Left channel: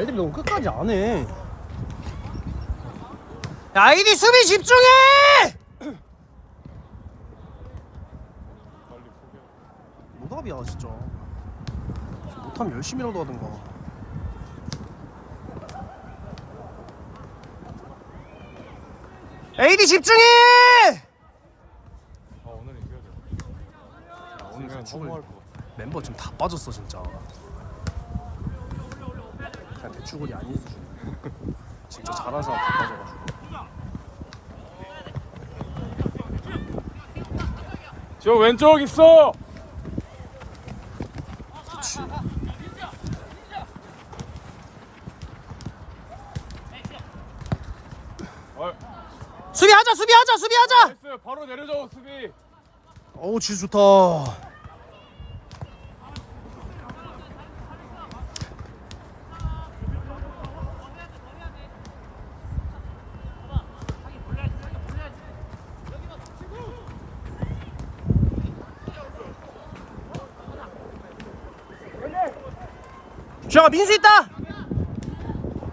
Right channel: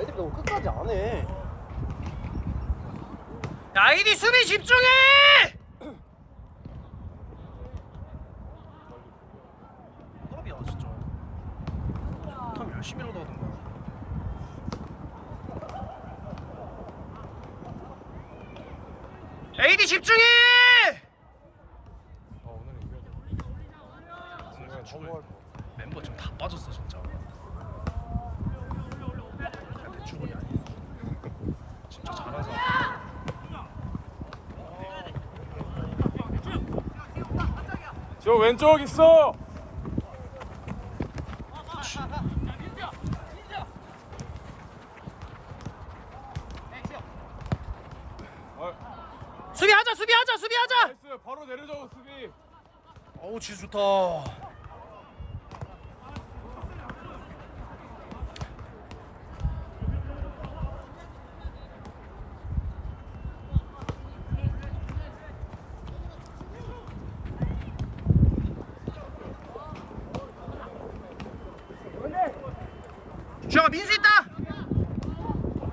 말들이 너무 끝까지 안 해. 야, 아이디 수비 집중해! 뭐답이야 진짜. 못하면 열심히라도 하든가. AD 집중해! 오늘 그냥 죽을 멤버 지금 다 빠졌어 진짜. 대출군이 아닌 수준. 진짜 잘해서. 저 왼쪽 있어. 아, 수비하자 수비하자 수비하자. 나이스. 바로 내려줘 수비. 어우 진짜 좋다. 주영아 민수 있다.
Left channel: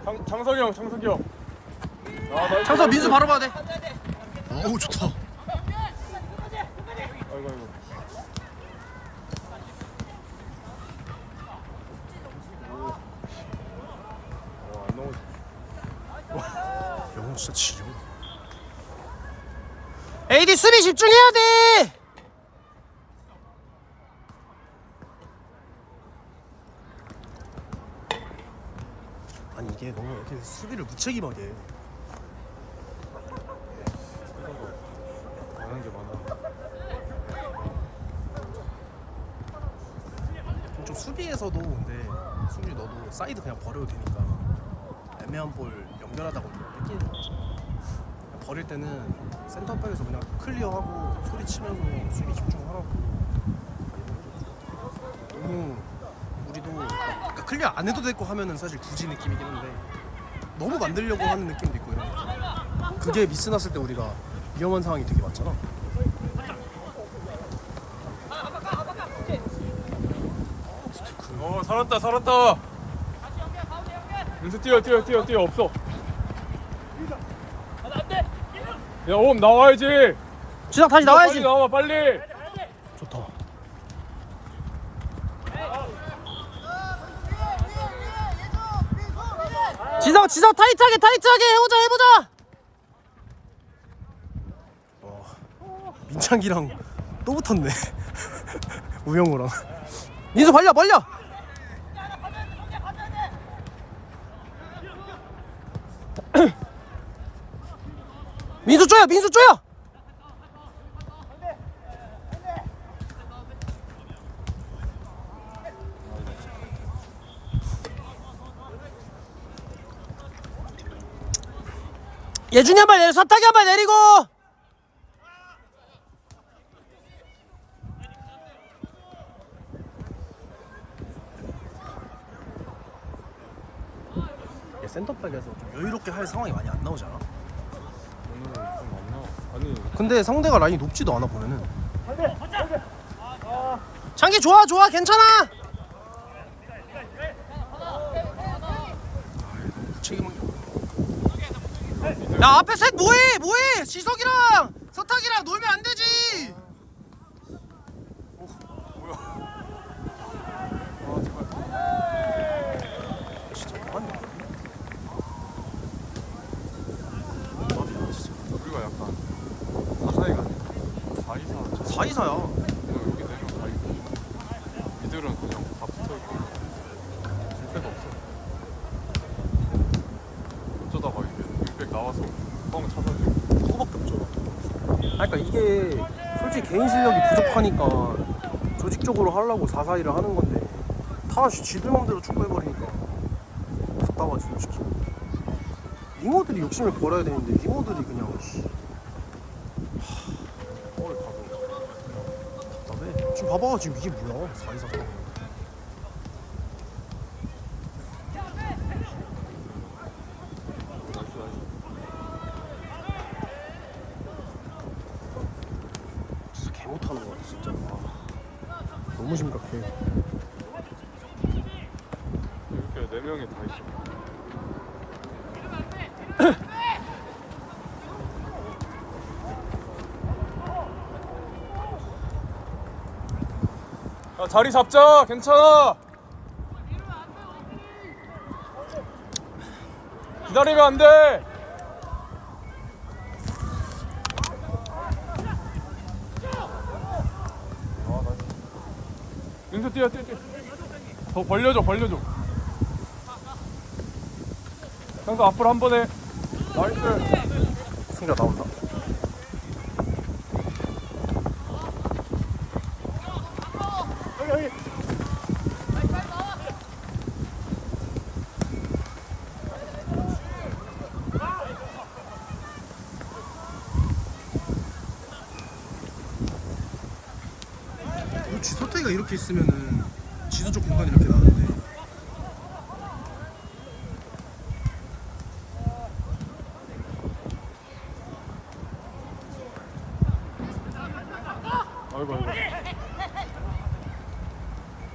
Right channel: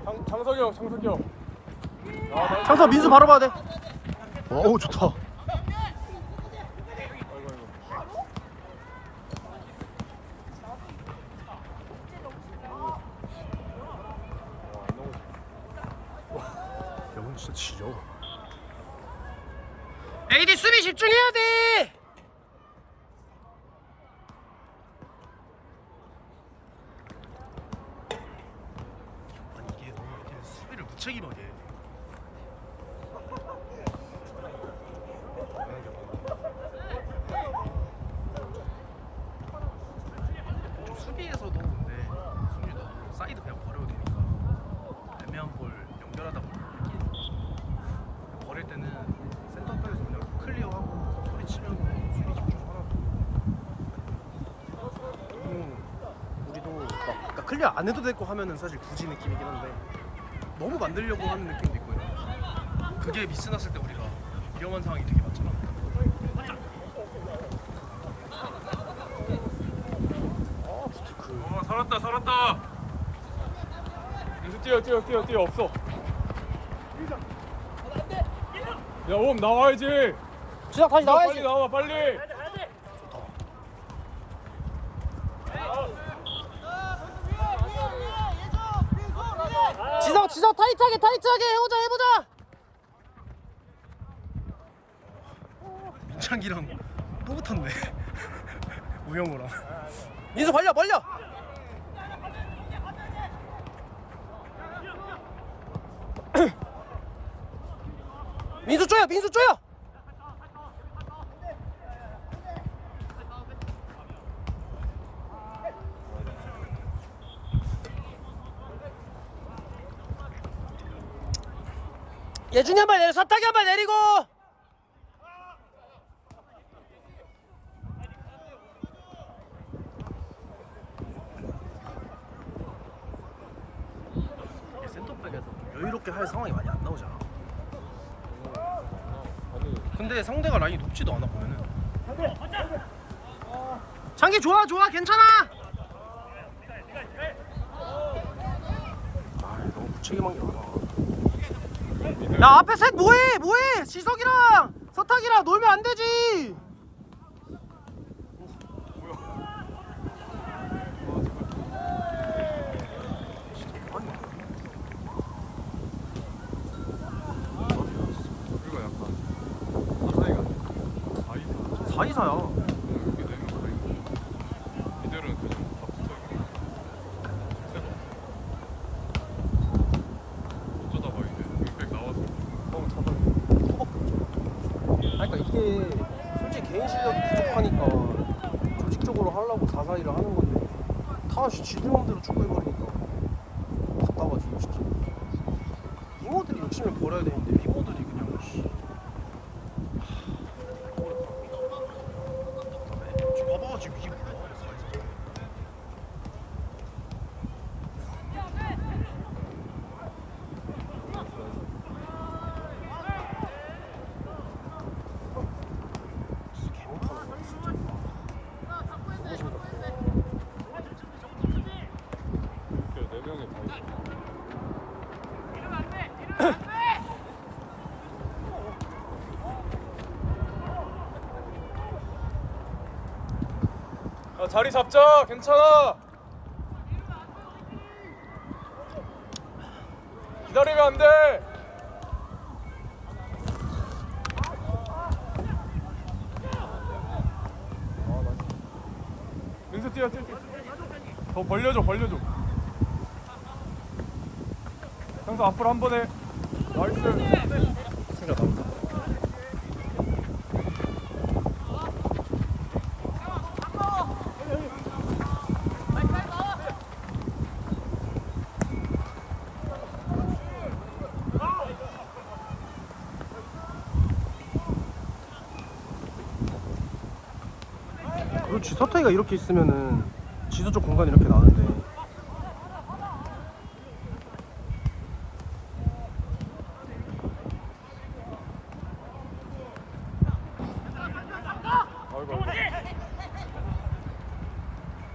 장, 장석이 형, 장석이 형. 창서 민수 바로 봐야 돼. 어우 좋다. 영웅 진짜 지려. AD 수비 집중해야 돼. 아니 이게 너무 이렇게 수비를 무책임하게. 해. 좀 수비에서도 근데 수비 너도 사이드 그냥 버려도 되니까 애매한 볼 연결하다가 뺏기는 거지. 버릴 때는 센터백에서 그냥 클리어하고 소리 치면서 수비 집중하라고 너무 우리도 막 그러니까 클리어 안 해도 되고 하면은 사실 굳이 느낌이긴 한데 너무 만들려고 하는 느낌도 있고 이런 거 그게 미스 났을 때 우리가 위험한 상황이 되게 많잖아 어, 살았다, 살았다. 연수 뛰어, 뛰어, 뛰어, 뛰어. 없어. 야, 옴 나와야지. 지상 다시 빨리 나와야지 나와, 빨리. 지성 지성 타이트하게 타이트하게 해보자 해보자. 민창기랑 또 붙었네. 우영우랑. 민수 벌려 벌려. 민수 쪼여 민수 쪼여 예준이 한발 내려 사타기 한발 내리고! 센터백에서 좀 여유롭게 할 상황이 많이 안 나오잖아. 근데 상대가 라인이 높지도 않아 보면은. 창기 좋아 좋아 괜찮아! 아 너무 무책임한 게 많아 야 앞에 셋 뭐해? 뭐해? 지석이랑 서탁이랑 놀면 안 되지. 사이사야 팀원들이 욕심을 벌어야 되는데 팀원들이 그냥. 하... 지금 봐봐 지금 이게 뭐야? 4 2 4 자리 잡자. 괜찮아. 기다리면 안 돼. 윤수 뛰어 뛰어. 뛰어. 더 벌려줘 벌려줘. 형수 앞으로 한 번에. 나이스. 그렇지 서태가 이렇게 있으면은 지수적 공간이 이렇게 나는데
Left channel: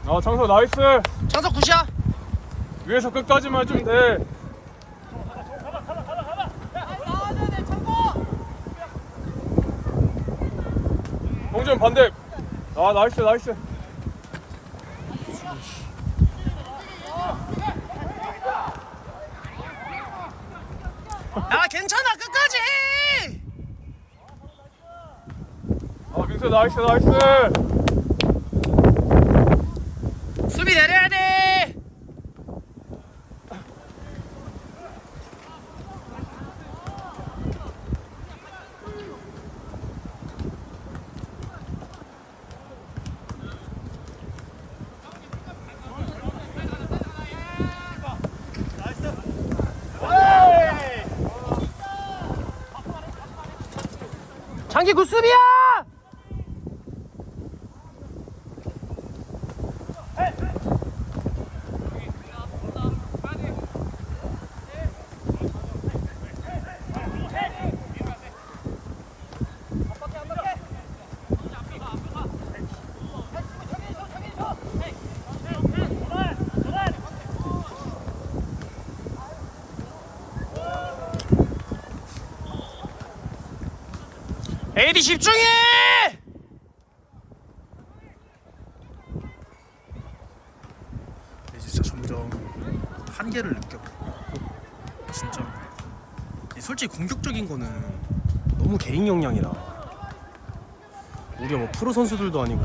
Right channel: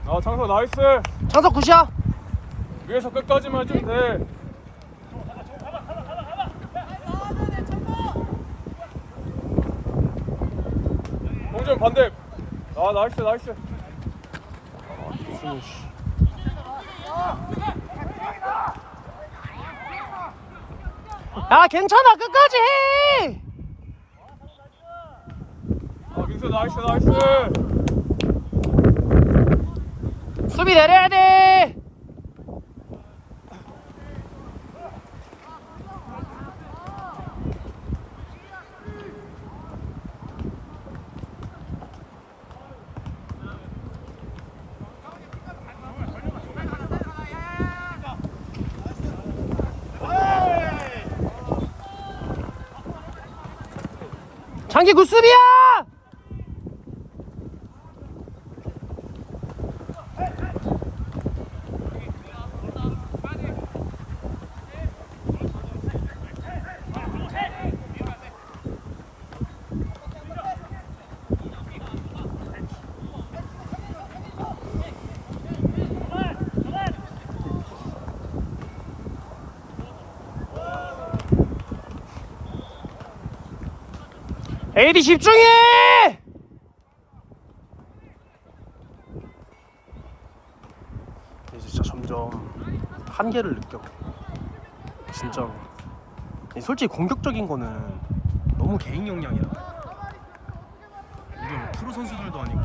어 청소 나이스. 찬석 굿이야 위에서 끝까지만 해주면 돼. 홍준 반대. 아 나이스 나이스. 야 괜찮아 끝까지 해 아 민수 나이스 나이스. 수비 내려야 돼 장기 굿수비야! 에이디 집중해! 진짜 점점 한계를 느껴. 진짜. 솔직히 공격적인 거는 너무 개인 역량이다. 우리가 뭐 프로 선수들도 아니고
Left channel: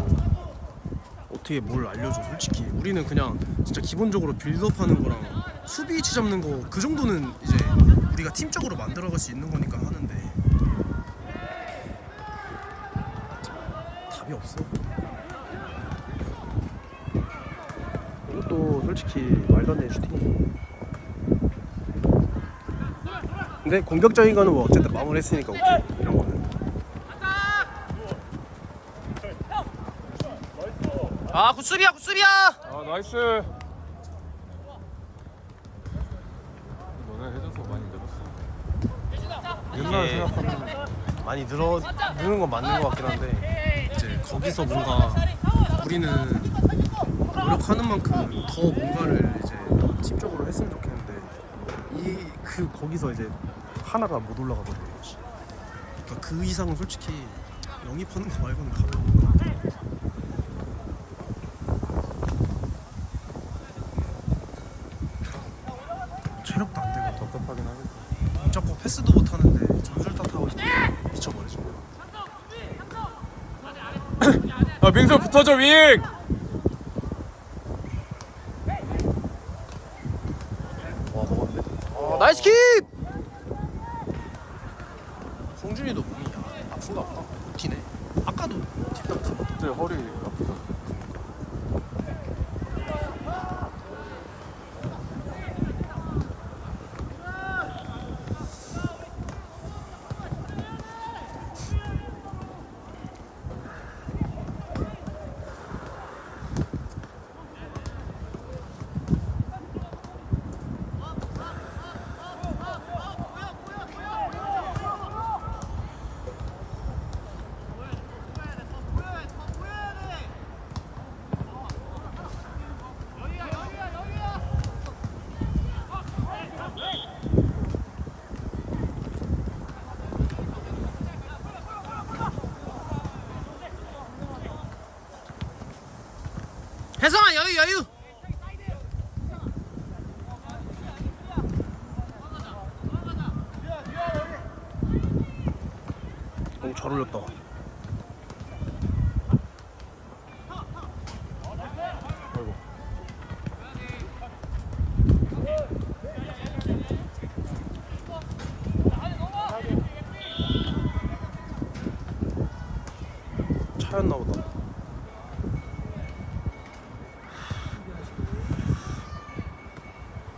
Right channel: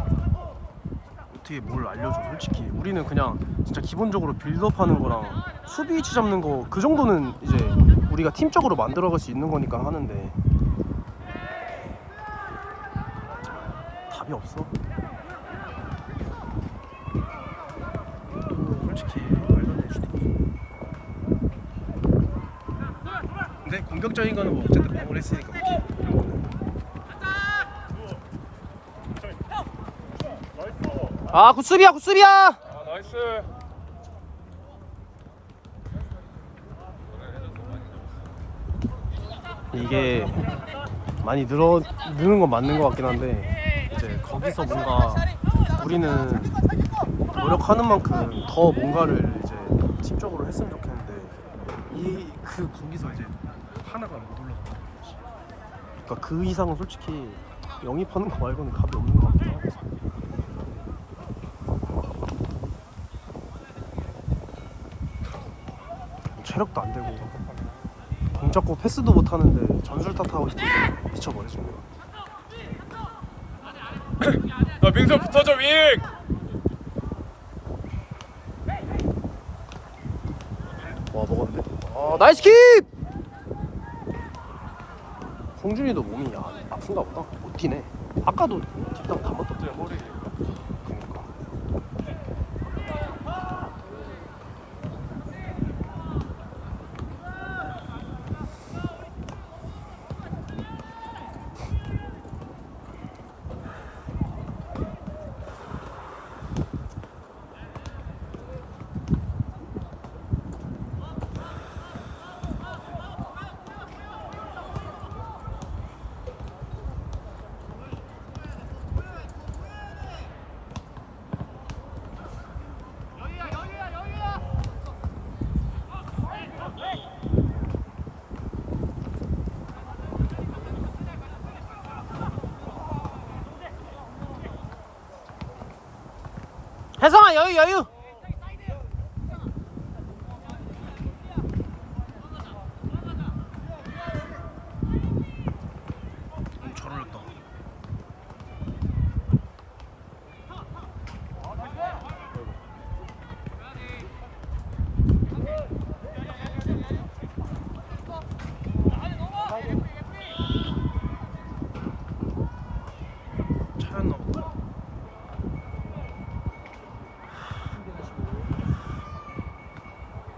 어떻게 뭘 알려줘 솔직히 우리는 그냥 진짜 기본적으로 빌드업 하는 거랑 수비 위치 잡는 거 그 정도는 이제 우리가 팀적으로 만들어갈 수 있는 거니까 하는데 답이 없어. 이것도 솔직히 말도 안 되는 슈팅이지. 근데 공격적인 거는 뭐 어쨌든 마무리했으니까 오케이. 이런 거는. 아 굿수비야 굿수비야. 아 나이스. 이게 많이 늘어 느는 건 맞는 것 같긴 한데 이제 거기서 뭔가 우리는 노력하는 만큼 더 뭔가를 이제 팀적으로 했으면 좋겠는데 이 그 거기서 이제 하나가 못 올라가는 거지. 그러니까 그 이상은 솔직히 영입하는 거 말고는 답이 없는 것 같아. 체력도 안 되고 공 잡고 패스도 못 하는데 전술 탓하고 미쳐버리지. 아 민수 붙어줘 윙. 어, 나이스 킵! 송준이도 몸이 야, 아픈가 보다. 버티네. 아까도 뒷땅 다 맞다 허리를. 혜성아 여유 여유. 오잘 올렸다. 차였나 보다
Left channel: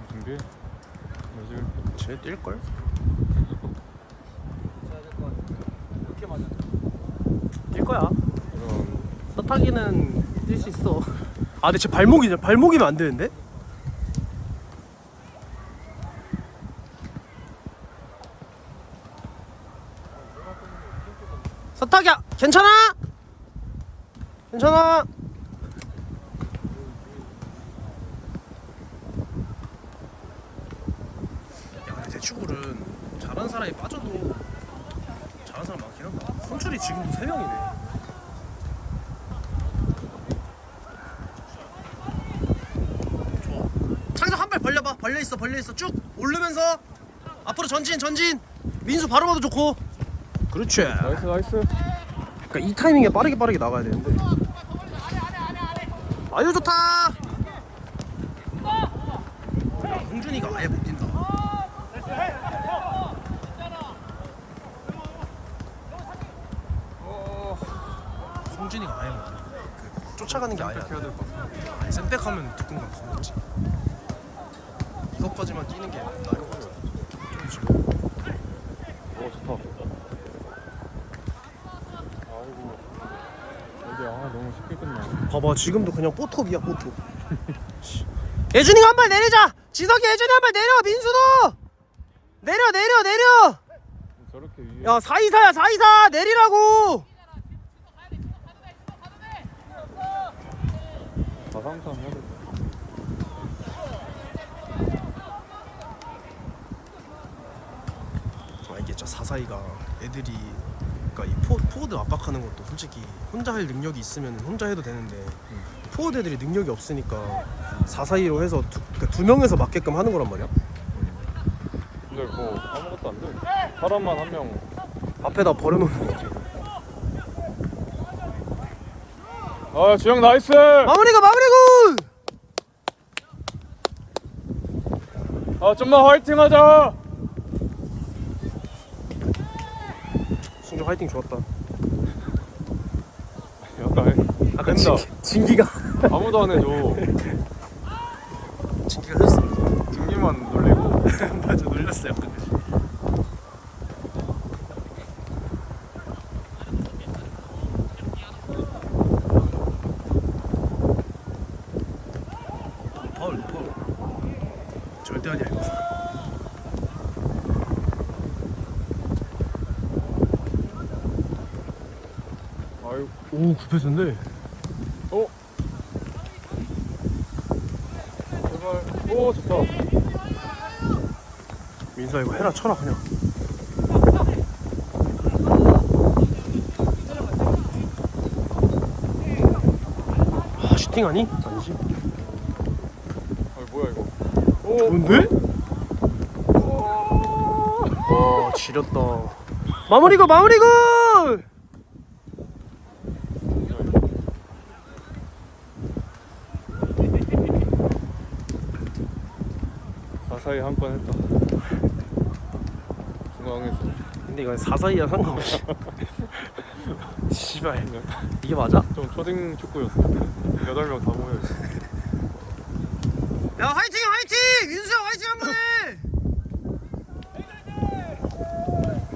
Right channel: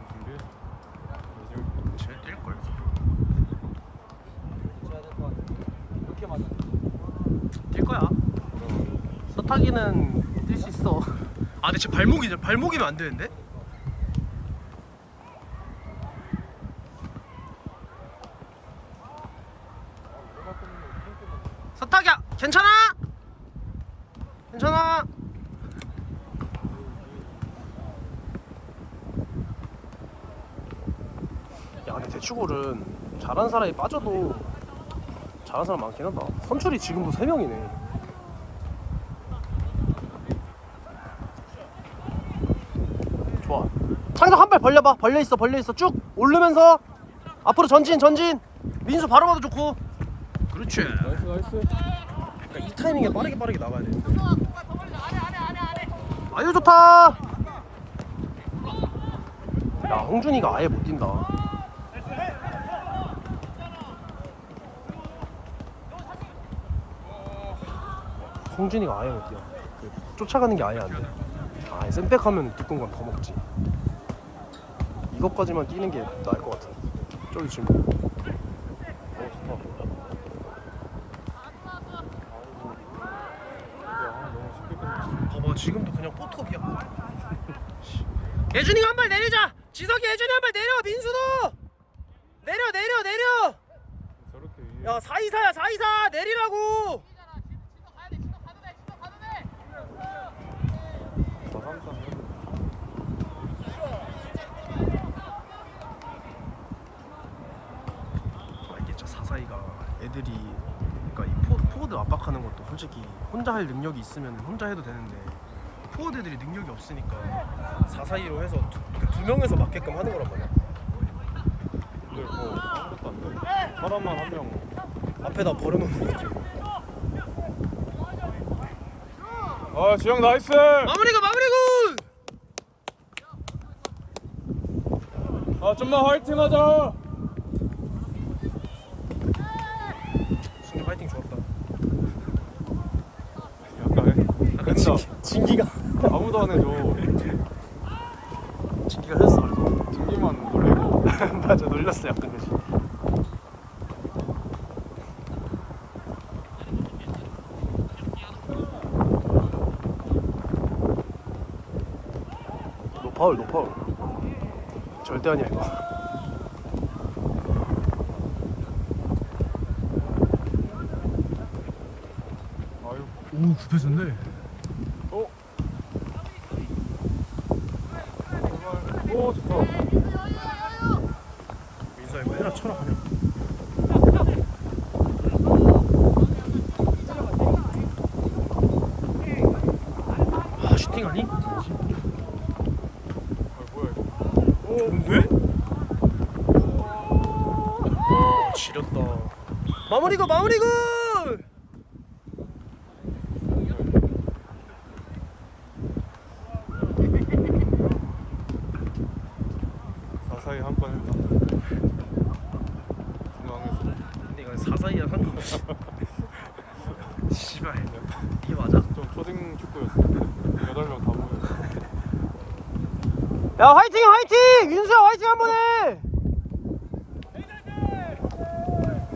준비. 쟤 뛸걸? 뛸 거야 서타기는 뛸 수 있어. 아 근데 쟤 발목이 발목이면 안 되는데? 서타기야 괜찮아? 괜찮아? 야 근데 대축골은 잘하는 사람이 빠져도 잘하는 사람 많긴 하다. 선출이 지금도 3명이네 좋아 창석 한발 벌려봐. 벌려 있어 벌려 있어. 쭉 오르면서 앞으로 전진 전진. 민수 바로 봐도 좋고. 그렇지. 나이스 나이스. 그러니까 이 타이밍에 빠르게 빠르게 나가야 되는데. 아유 좋다. 야 홍준이가 아예 못 뛴다. 홍준이가 아예 못 뛰어. 그 쫓아가는 게 아예 안돼. 아예 센백하면 두꺼운 건 더 먹지 이것까지만 끼는 게 나을 것 같아 저기 지금 봐봐 지금도 그냥 뽀톱이야 뽀톱 예준이가 한 발 내리자! 지석이 예준이 한 발 내려 민수도! 내려 내려 내려. 야 424야 424 내리라고 나 항상 모르. 아 442가 애들이 그러니까 이 포, 포워드 압박하는 것도 솔직히 혼자 할 능력이 있으면 혼자 해도 되는데 포워드 애들이 능력이 없으니까 442로 해서 두, 그러니까 두 명에서 맞게끔 하는 거란 말이야 근데 그거 아무것도 안 돼. 사람만 한 명. 앞에다 버려놓는 거지 아 주영 나이스. 마무리가 마무리군 아 좀만 화이팅하자. 화이팅 좋았다. 아까. 진, 진기가. 아무도 안 해줘. 진기가 흘렸어 그래서 등기만 놀리고. 맞아 놀렸어 약간. 파울 너 파울 절대 아니야 이거 아유. 오 급해졌네. 민수야 이거 해라 쳐라 그냥 아 슈팅 아니? 아니지. 뭔데? 와 지렸다 마무리고 마무리고 가사히 한 번 했다. 중앙에서. 근데 이건 사사이야 상관없이 씨발 이게 맞아? 좀 초딩 축구였어. 여덟 명 명. 야 화이팅 화이팅! 윤수야 화이팅 한 번 해!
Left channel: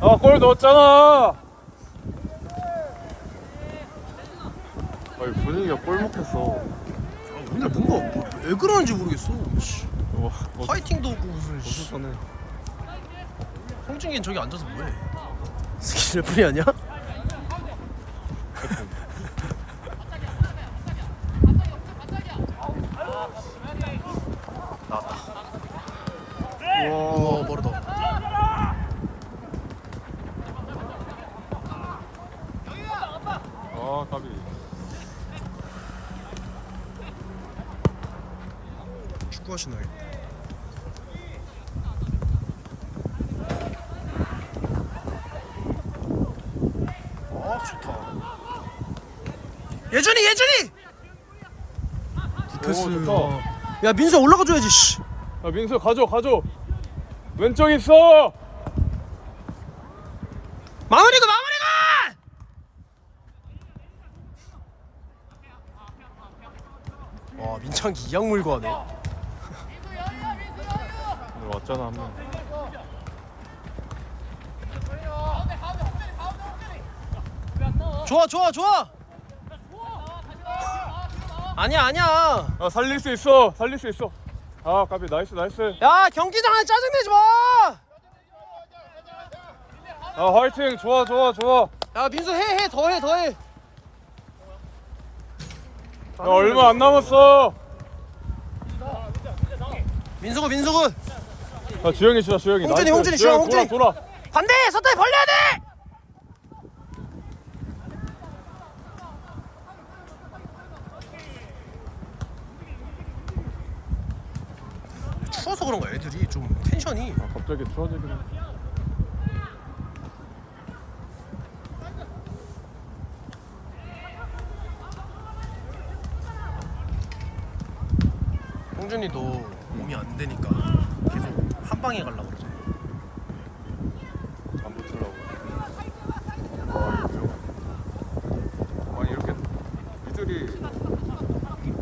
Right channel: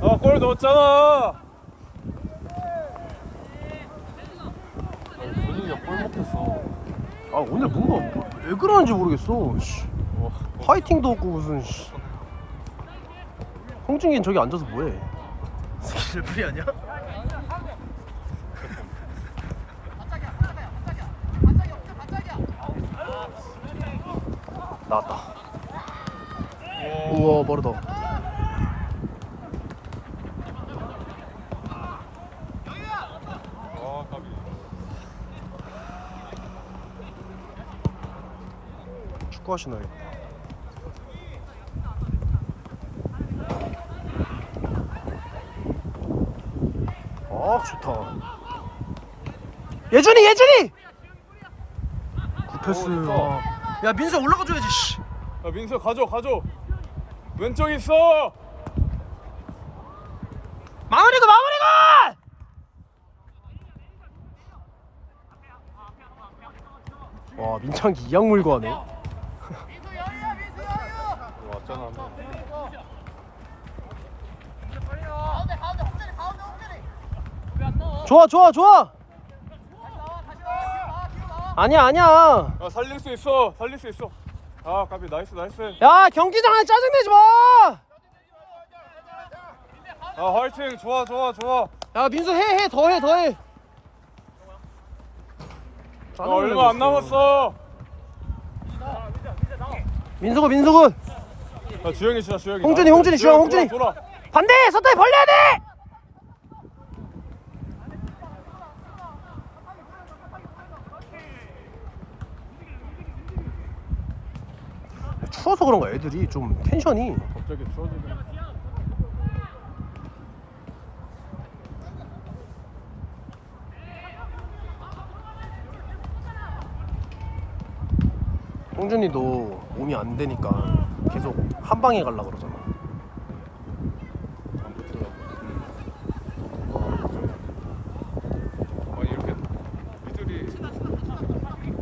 아골 넣었잖아. 아니 분위기가 골 못했어. 아 오늘 뭔가 뭐- 왜 그러는지 모르겠어 씨. 뭐, 화이팅도 없고 무슨 씨. 홍준기는 저기 앉아서 뭐해? 스킬 레프리 아니야? 신어야겠다 아 좋다 예준이 예준이! 굿패스 아. 야 민수 올라가 줘야지 씨. 야 민수 가져 가져 왼쪽 있어! 마무리가 마무리가 와 민창기 이악 물고 하네 어쩌나 좋아 좋아 좋아. 아니야 아니야. 아 살릴 수 있어. 살릴 수 있어. 아 까비. 나이스 나이스. 야 경기장에 짜증내지 아 화이팅. 좋아 좋아 좋아. 마야 민수 해 해. 더 해 더해. 야, 얼마 안 남았어. 민수군 민수군 아 주영이 주자 주영이. 홍준이, 나이스. 홍준이, 주영, 주영, 홍준이. 돌아, 돌아. 반대 서타이 벌려야 돼 추워서 그런가 애들이. 좀 텐션이. 갑자기 추워지긴 홍준이도 몸이 안 되니까 계속 한 방에 가려고 그러잖아. 이렇게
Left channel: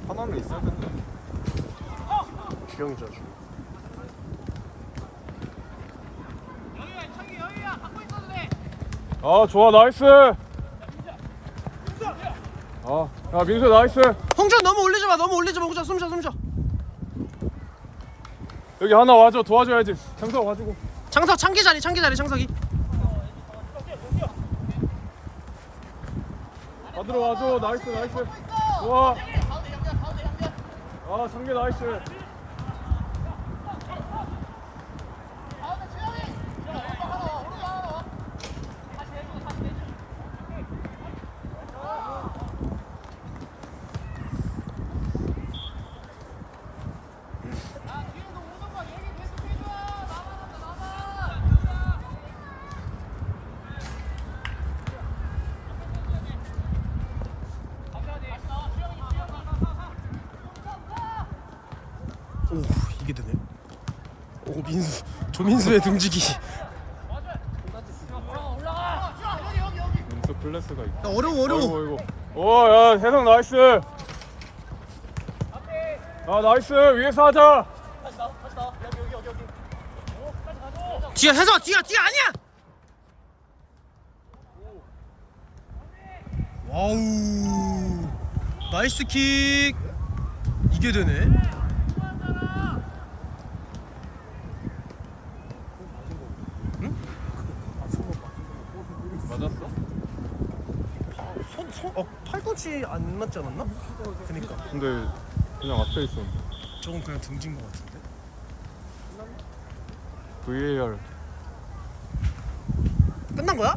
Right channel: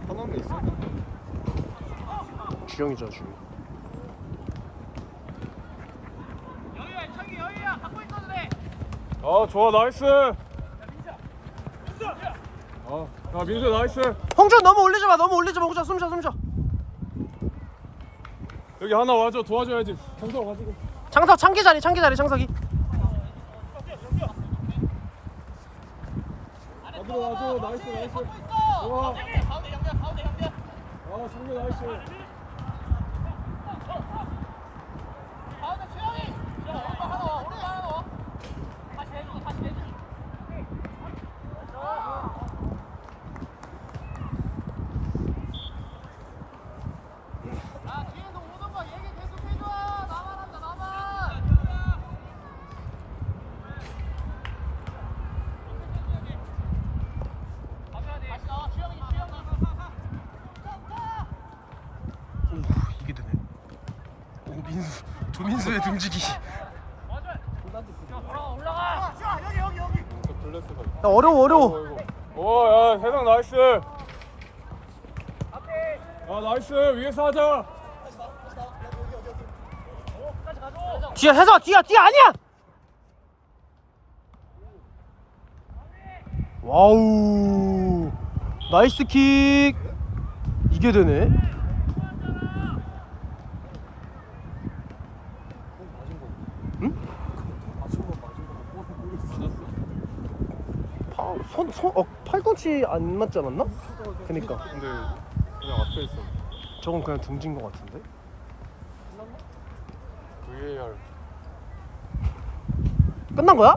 하나는 된다 주영이잖아 주영 아 좋아 나이스. 아야 민수 나이스. 홍준 너무 올리지 마 너무 올리지 마. 홍준 숨 쉬어 숨 쉬어. 여기 하나 와줘 도와줘야지. 장석 와주고. 창석 창기 자리 창기 자리 창석이. 받으러 와줘. 나이스 나이스. 좋아. 아 상계 나이스 오 이게 되네 오 민수 조민수의 등지기. 또 클래스가 있다 야 어려워 어려워. 오야 해성 나이스. 아 나이스. 위에서 하자. 뒤야 해서 뒤야 뒤야 아니야! 와우. 나이스 킥. 이게 되네 맞았어? 아, 손, 손, 어, 팔꿈치 안 맞지 않았나? 그니까 근데 그냥 앞에 있어 저건 그냥 등진 것 같은데 VAR 끝난 거야?